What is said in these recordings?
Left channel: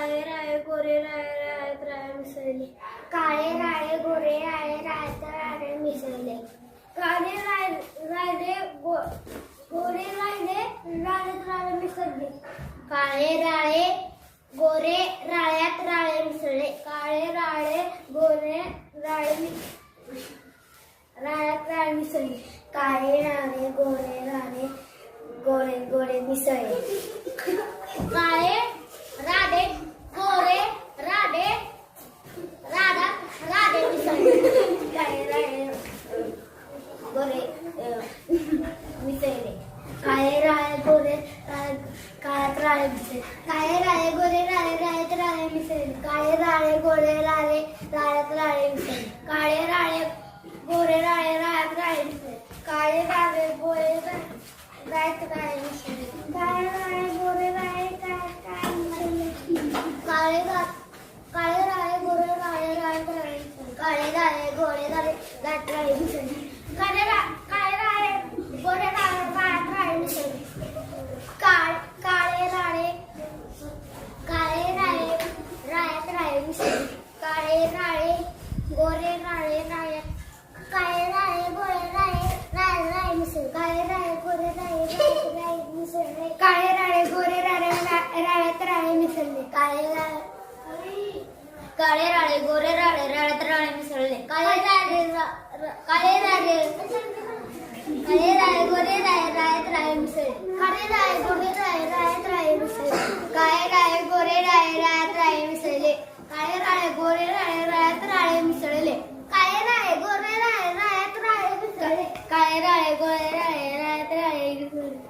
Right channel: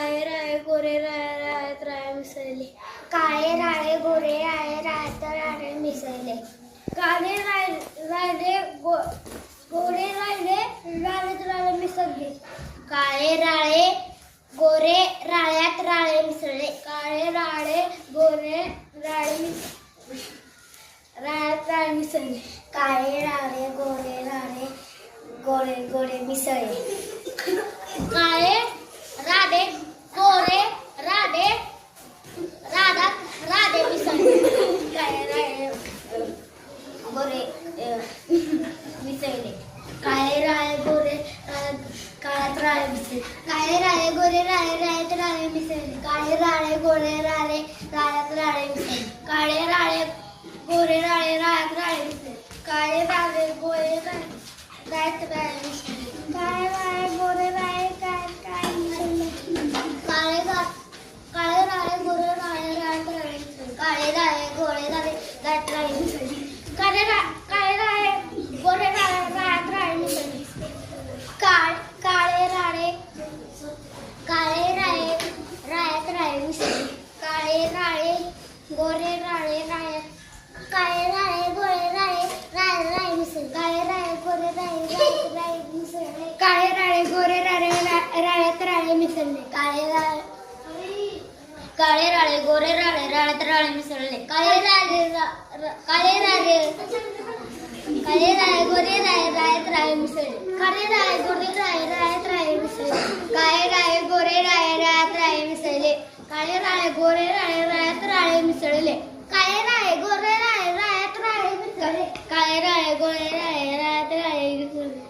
काळे राळे गोरे राळे राळ्यात राळे मिसळले. काळे राळे गोरे राळे राळ्यात राळे मिसळले. काळे राळे गोरे राळे राळ्यात राळे मिसळले. काळे राळे गोरे राळ्यात राळे मिसळले. काळे राळे गोरे राळे राळ्यात राळे मिसळले. काळे राळे गोरे राळे गोरे गोरे मिसळले. काळे राधे गोरे राधे राधे मिसळले. काळे राळे गोरे मिसळले. काळे राळे गोरे काळ्यात राळे मिसळले. काळे राळे गोरे राळे राळ्यात राळे मिसळले. काळे राळे गोरे राळे राळ्यात राळे मिसळले. काळे राळे गोरे राळे राळ्यात राळे मिसळले. काळे राळे गोरे राळ्यात राळे मिसळले. काळे राळे गोरे राळे काय मिसळले. काळे राळे गोरे राळे राळ्यात राळे मिसळले. काळे राळे गोरे राळे राळ्यात राळे मिसळले. काळे राळे गोरे राळे राळ्यात राळे मिसळले. काळे राळे राळ्यात राळे मिसळले. काळे राळे गोरे राळे राळ्यात काळे राळे गोरे राळे राळ्यात राळे मिसळले. काळे राळे गोरे राळे राळ्यात राळे मिसळले. काळे राळे गोरे राळे राळ्यात राळे मिसळले. काळे राळे गोरे राळे राळ्यात राळे मिसळले. काळे राळे गोरे राळे राळ्यात राळे मिसळले. काळे राळे गोरे राळे राळ्यात राळे मिसळले. काळे राळे गोरे राळे राळ्यात राळे मिसळले. काळे राळे गोरे राळे राळ्यात राळे मिसळले. काळे राळे गोरे राळे राळ्यात राळे मिसळले. काळे राळे गोरे राळे राळ्यात राळे मिसळले.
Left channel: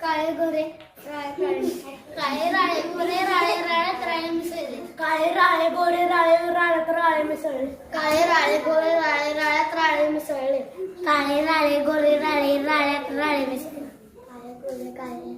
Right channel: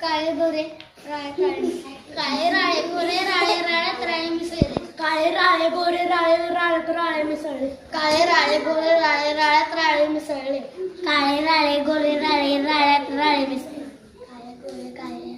काळे गोरे राळ्यात राळे मिसळले. काळे राळे गोरे राळे राळ्यात राळे मिसळले. काळे राळे गोरे राळे राळ्यात राळे मिसळले. काळे राळे गोरे राळे राळ्यात राळे मिसळले. काळे राळे गोरे राळे राळ्यात राळे मिसळले. काळे